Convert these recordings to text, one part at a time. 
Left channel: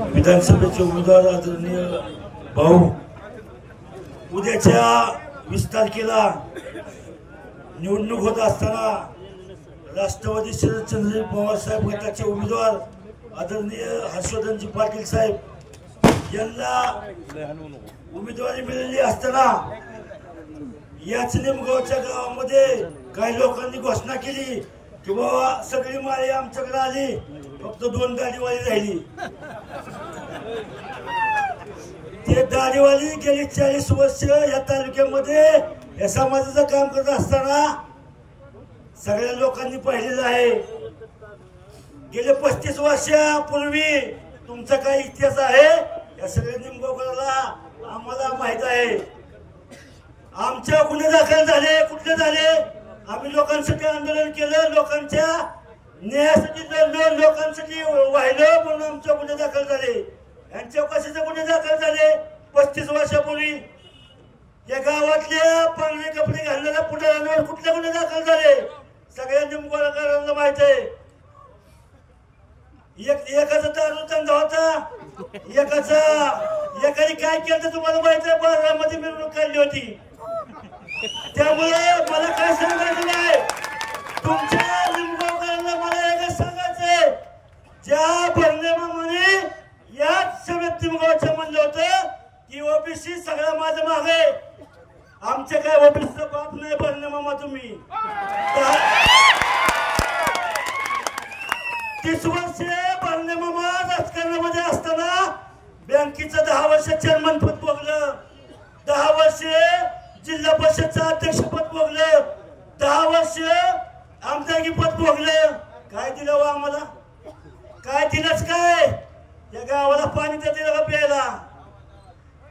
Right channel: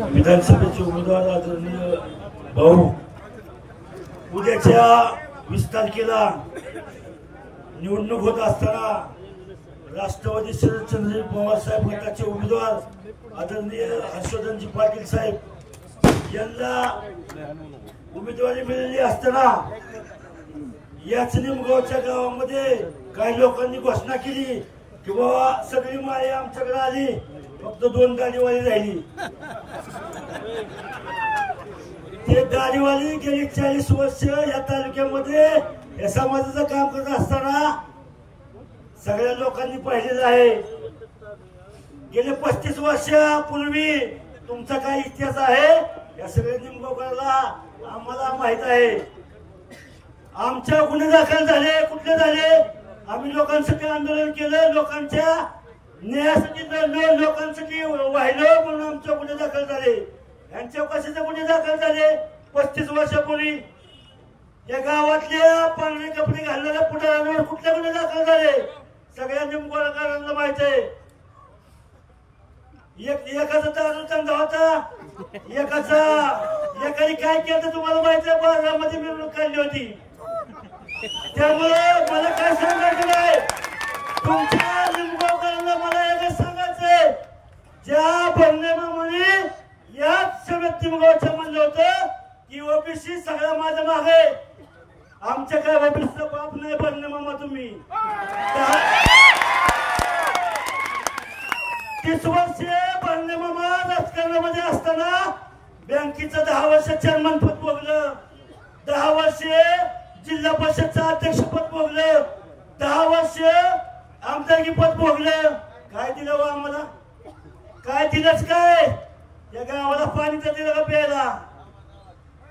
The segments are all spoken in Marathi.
विधानसभेचे उमेदवार आदरणीय भाऊ, उद्याच्या 20 तारखेला निवडणूक होत असताना राष्ट्रवादी शरदचंद्र पवार साहेब गटाचे उमेदवार आदरणीय हर्षवर्धनजी पाटील साहेब यांना उमेदवारी मिळाली असताना याच निमगावच्या गावामध्ये काही लोकांनी घोषणा केली की बाबा सगळी माळी आमच्याकडे आली, फक्त 2 दाढीवाली राहिली। ते दाढीवाली गेली 40 वर्ष या तालुक्यामध्ये या समाजाचं काम करत असताना सगळ्या लोकांनी पाहिलेलं आहे। गेले 35 वर्षापूर्वी तुमचा काय इतिहास आहे या सगळ्या निमगावकरांना आम्हाला माहित आहे। आमच्या गुन्हे दाखल झाले, कुठले झाले? आम्ही लोकांसाठी आंदोलन केलं, लोकांच्या न्यायासाठी लढलो, लोकांसाठी वाहिलो, म्हणून आमचे गुन्हे दाखल झाले। यांच्या कशाचे गुन्हे दाखल झाले? 35 वर्षापूर्वी या गावातल्या पांढरे कपडे घालणाऱ्या पुढाऱ्यांवर कुठले गुन्हे दाखल झाले सगळ्या निमगावकरांना माहित आहे। एकाचा दारू धंदा होता, एकाने काय केलं तुम्हाला माहित आहे? बाजारामध्ये मिरवणूक काढली होती। त्यामुळे मला काय सांगायचं नाही, तुमच्या निमगावकरांना मला एकच सांगायचंय, ज्या भरणे मामाने याच सगळ्यात निमगावच्या म्हणलं होतं की ओबीसी सगळ्या माझ्या मागे, आमच्या काय ओबीसीचा बाप नाही भरणे मामा तुम्ही। 30 वर्ष भरणे मामा राजकारणामध्ये असताना बँकेचं 10 वर्ष चेअरमन पद भोगलं, 10 वर्ष जिल्हा परिषदचं अध्यक्षपद भोगलं, 10 वर्ष आमदारकी पद भोगलं। काय दिलं व आम्हाला? काय दिलंच काय? या गावाला पाणी तर दिलं का प्यायला?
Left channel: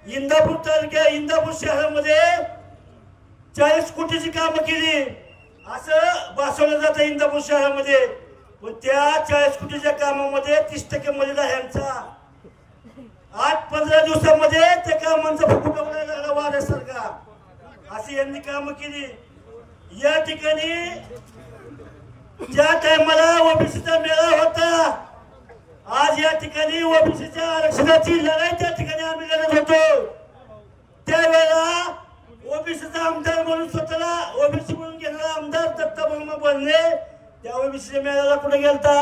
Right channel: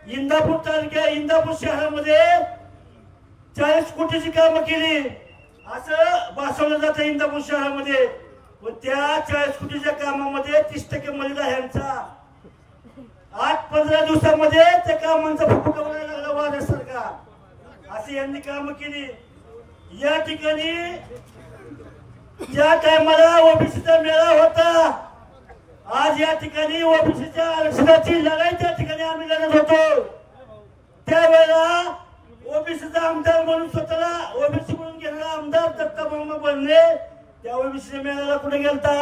इंदापूर तालुक्या इंदापूर शहरामध्ये 40 कोटीची कामं केली असं भासवलं जातं इंदापूर शहरामध्ये, पण त्या 40 कोटीच्या कामामध्ये 30% मर्यादा ह्यांचा 8-15 दिवसामध्ये त्या कामांचा फुफुटा उडायला लागला वाऱ्यासारखा, अशी यांनी कामं केली। या ठिकाणी ज्या टायमाला ओबीसीचा मेळा होता, आज या ठिकाणी ओबीसीच्या आरक्षणाची लढाई त्या ठिकाणी आम्ही लढत होतो। त्यावेळेला ओबीसीचा आमदार म्हणून स्वतःला ओबीसी म्हणून घेणारा आमदार दत्ता मामा बनले, त्या ओबीसीच्या मेळ्याला कुठे गेलता?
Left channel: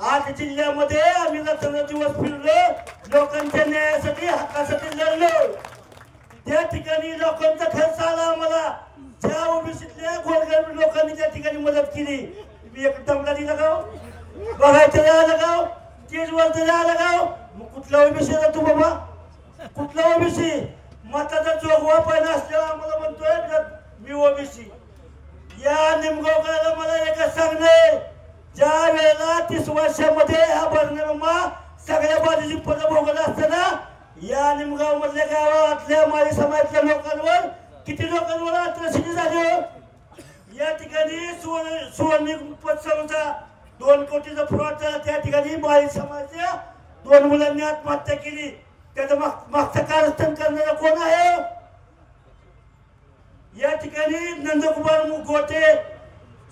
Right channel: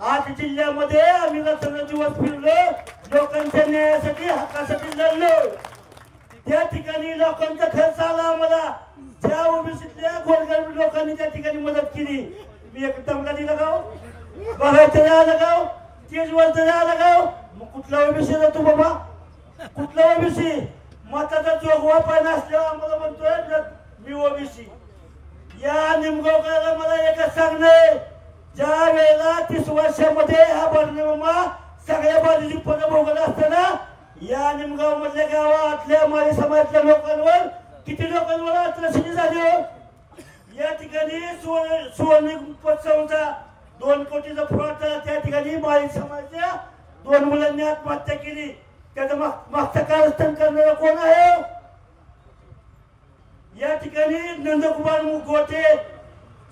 8 जिल्ह्यामध्ये आम्ही रात्र दिवस फिरलो, लोकांच्या न्यायासाठी हक्कासाठी लढलो। त्या ठिकाणी लोकांचा खर्च आला आम्हाला, ज्या ओबीसीतल्या गोरगरीब लोकांनी त्या ठिकाणी मदत केली। तुम्ही एक टमका दिला गाव बघायचं आलं गाव, तेजवर जरी आलं गाव, मग कुठला ओबीसी तू बाबा? कुठला ओबीसी? मताचा जोगवा पाहिजे असल्यावर आम्हाला म्हणतोय मी ओबीसी। या निमगावकराला मला एकच सांगणे, ज्या वेळेला 30 वर्षामध्ये हा भरणेमामा सगळ्या बाजूची पदं भोगत असताना या निमगाव मधल्या गावातल्या माळी समाजातल्या लोकांवर किती लोकांवर अत्याचार झाले? या ठिकाणी सुवर्ण पतसंस्था 2 कोटीचा फ्रॉड झाला, त्या ठिकाणी माळी समाजाच्या 2 मुलांनी आत्महत्या केली। त्याचं मागचं कारस्थान करणारा कोण आहे? या ठिकाणी नंदकुमार गोटे,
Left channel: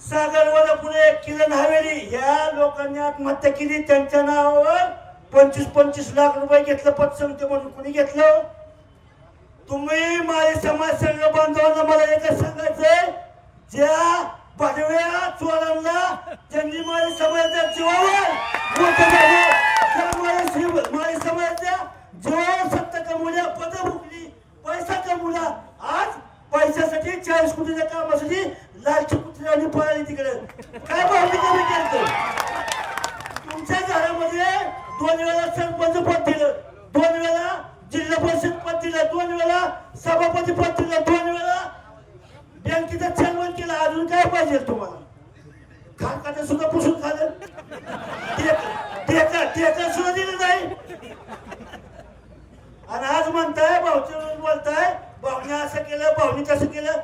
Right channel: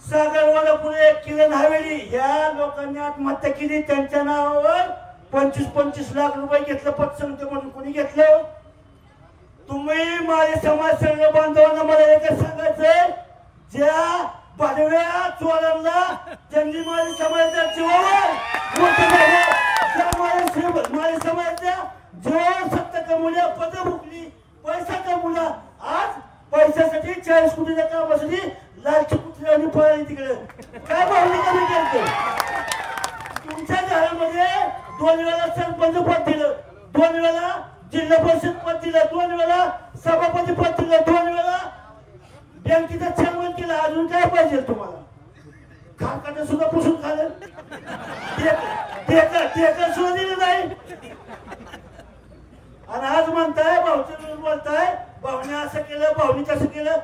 सागरवाला पुणे, किरण हवेली या लोकांनी आत्महत्या केली। त्यांच्या नावावर 25-25 लाख रुपये घेतलं पतसंस्थेमधून। कुणी घेतलं? तुम्ही माळी समाज सर्व बांधवांना मला एकच सांगायचंय, ज्या भडव्या चोरांना ज्यांनी माळी समाजाच्या जीवावर माळी समाजाच्या जीवावर सत्ता कमवल्या, पद भोगली, पैसा कमवला, आज पैशासाठी 40 कोटीच्या कामासाठी लालची कुत्र्यांनी पळाली तिकडे। काय मागणी कमी केलं? तुमच्या घरामध्ये 2 वेळा सरपंच पद दिलं, 2 वेळा जिल्हा परिषद पद दिलं, 2 वेळा सभापती पद दिलं, 2 वेळा बँकेचा चेअरमन केला। अजून काय पाहिजे तुम्हाला? खाकाने सुद्धा पुसून खाल्लं, टेकर सुद्धा दिलं नाही, आणि आज म्हणताय भाऊचं बोलताय भाऊने असं केलं, भाऊने तसं केलं।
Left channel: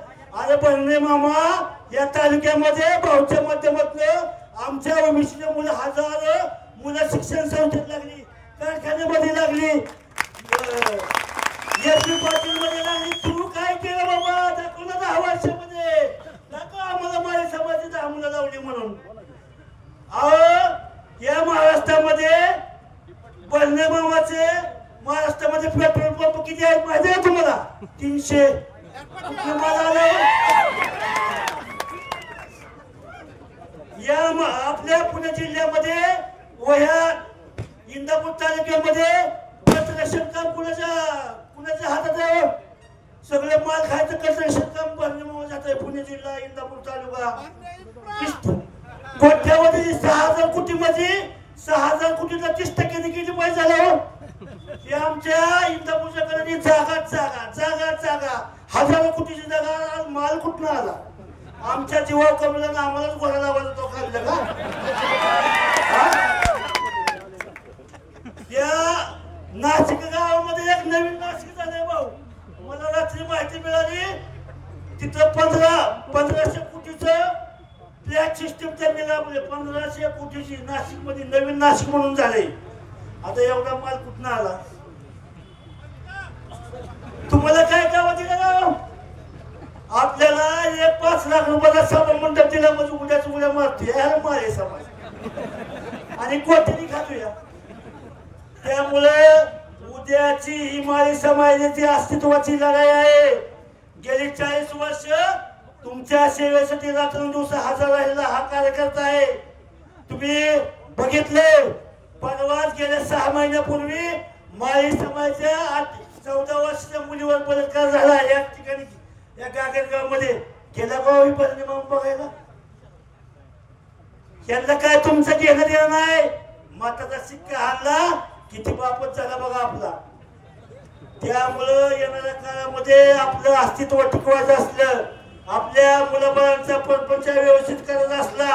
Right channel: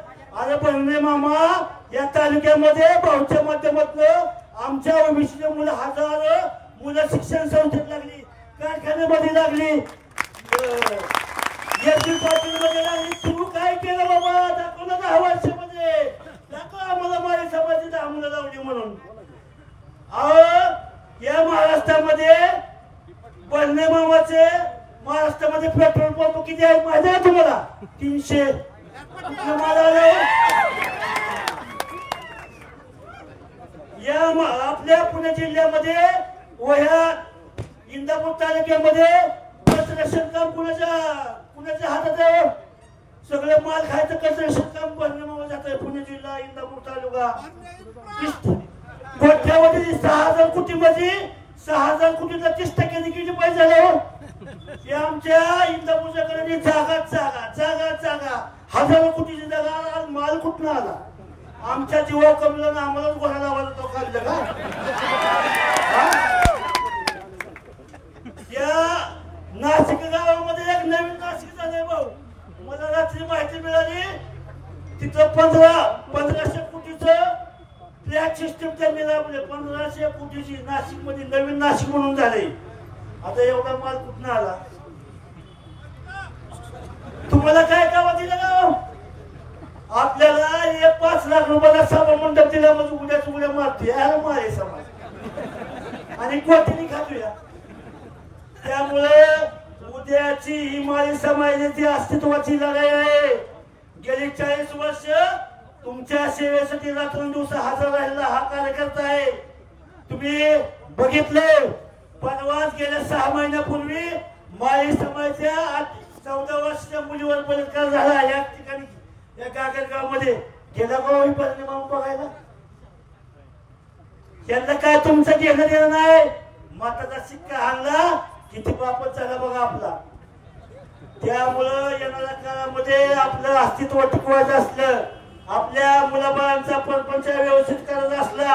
अरे भरणे मामा, या तालुक्यामध्ये भाऊच्या माध्यमातून आमच्या ओबीसीचे मुलं हजारो मुलं शिक्षण संस्थेत लागली, कारखान्यामध्ये लागली, मध्ये लागली। तू काय केलं बाबा? दाखव ना 10 वर्षामध्ये, दाखव आम्हाला माळी समाजाची 10 मुलं लावली म्हणून। अहो, या महाराष्ट्रामध्ये बर्ने मामाचे महाराष्ट्रामध्ये पेट्रोल पंप किती आहेत माहिती आहे तुम्हाला? 300. या आपल्या पुणे जिल्ह्यामध्ये वह्या इंदापूर तालुक्यामध्ये कन्स्ट्रक्शन काम कुणाच्या हातात आहे? सगळे माल खायचं कन्स्ट्रक्शन काम बर्ने मामा जात आहे. पुणे जिल्हा इंदापूर तालुका कोट्यावधी 6000 कोटीमध्ये 6000 कोटीचा 30% किती पैसा झाला? हे आमच्या इंदापूरच्या कडे जागा हजारो कोटीची जागा माल कुठून आला? आमच्या जीवा कमला ना आम्हालाच घोडा लावायचा तो काढलं का? या नाशिक गावामध्ये एक नवीन नाशिक झालंय भाऊ. मला रात्री माहिती मिळाली तिथं 1500 कोटीचं फ्लॅट सिस्टीम त्यांनी लावले. 1500 कोटीची नाशिक मध्ये नवीन नाशिक म्हणून झाले. आता एवढा माल कुठून आला? तुम्हाला काय गावा दिलं ना? आपल्याला 5 लाख रुपयाचा सभा मंडप दिला म्हणजे उड्या मारतोय यार मारे समाज आणि कोटीने खातोया. त्यामुळे उद्याची ही माळी समाजाची अस्तित्वाची लढाई आहे. गेली 40 वर्ष तुमच्या सेवेसाठी रात्रंदिवस हजर राहिलेला हा कार्यकर्ता आहे. तुम्ही बघितले परवाच गेल्या 6 महिन्यापूर्वी माळी समाजाच्या 14 वर्षाच्या मुलीवर बलात्कार झाला. या ठिकाणी या गागरगाव मध्ये गेला भाऊ परिणाम बघायला. यांना काय तुमचं घेणं देणं नाही. मताचा शिक्का हाणला किती बापत झाला बघा आपला. त्यामुळं येणाऱ्या काळामध्ये आपलं अस्तित्व टिकवायचं असलं, आपल्या मुलाबाळांचा प्रपंच व्यवस्थित करायचा असला,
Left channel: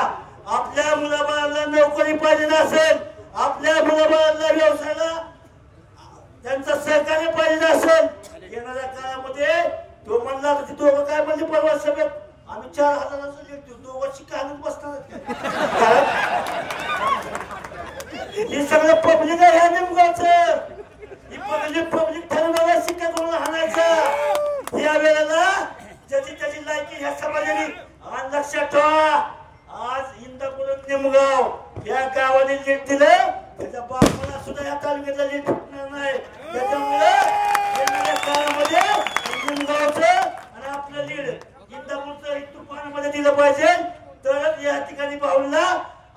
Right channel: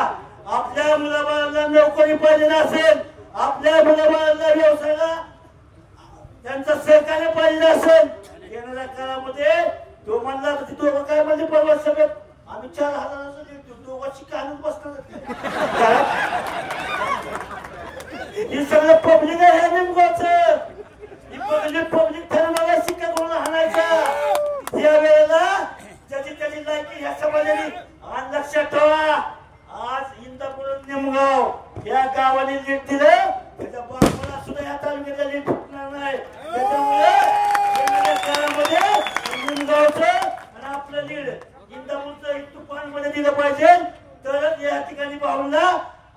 आपल्या मुलाबाळांना नोकरी पाहिजे असेल, आपल्या मुलाबाळांना व्यवसायाला त्यांचं सहकार्य पाहिजे असेल, येणाऱ्या काळामध्ये तो म्हणला की दोघं काय म्हणजे परवा सभेत आम्ही 4000 लिहितो दोघं शिक्का आणून बसणार. हे सगळं पब्लिक आहे ह्या नेमगावचं. ही पब्लिक ठरवणारा शिक्का कोण हाणायचा या वेळेला त्याची लायकी ह्या समाजाने. आणि लक्षात ठेवा आज इंदापूर नेमगाव या गावाने लीड दिलं त्याच्या बापूला सुद्धा या तालुक्याला लीड फुटणार नाही. त्याच्यामुळे येणाऱ्या काळामध्ये नेमगावचं आणि आपलं लीड इंदापूरचं तुफानमध्ये दिलं पाहिजे. तरच या ठिकाणी पाहूनला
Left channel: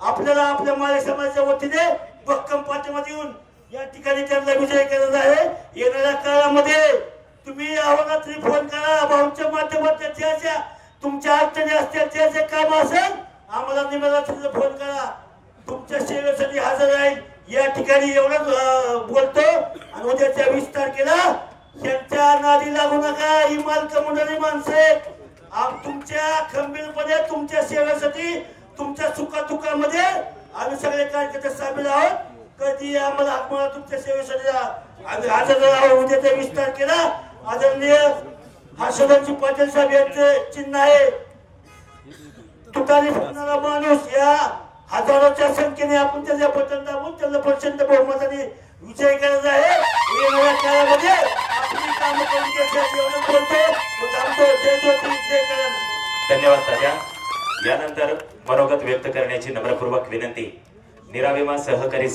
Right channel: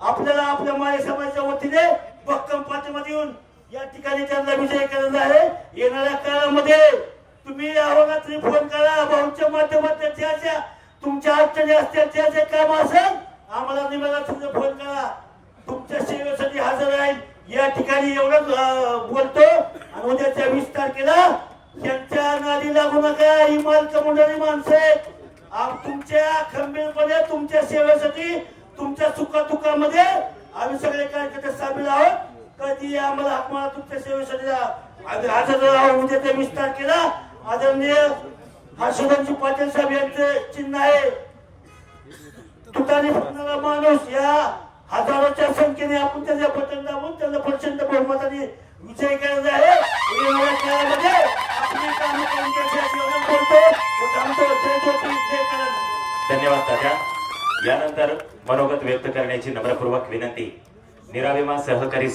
आपल्याला आपल्या माळी समाजाच्या वतीने भक्कम पाठिंबा देऊन या ठिकाणी त्यांना विजय करायचा आहे. येणाऱ्या काळामध्ये तुम्ही अहोरात्री फोन करा भाऊच्या माध्यमातून तुमच्या अडचणी असतील जे काम असेल आम्हाला निवेदनाचा फोन करा. तुमच्या सेवेसाठी हजर राहील. या ठिकाणी एवढंच बोलतो. आणि उद्याच्या 20 तारखेला त्यांच्या नादी लागू नका. ही मालक मंडळी माणसे तुमच्या खंबीरपणे तुमच्या सेवेसाठी तुमच्या सुखादुःखामध्ये आम्ही सगळे कार्यकर्ते सामील आहोत. कधी आम्हाला आत्मा तुमच्या सेवेसाठी आम्ही हजर राहू. उद्याच्या 20 तारखेला आदरणीय हर्षवर्धनजी पाटील साहेब यांचे चिन्ह आहे. तुतारी फुकणारा माणूस या हजारोच्या संख्येने आपण त्याच्या बटन दाबून त्यांना प्रचंड बहुमताने विजय करायचा आहे. येणाऱ्या काळामध्ये आपली कामं करून बोलतो. धन्यवाद तात्या. यानंतर मनोगत व्यक्त करण्याची नम्रपूर्वक विनंती. निराविमा सहकारी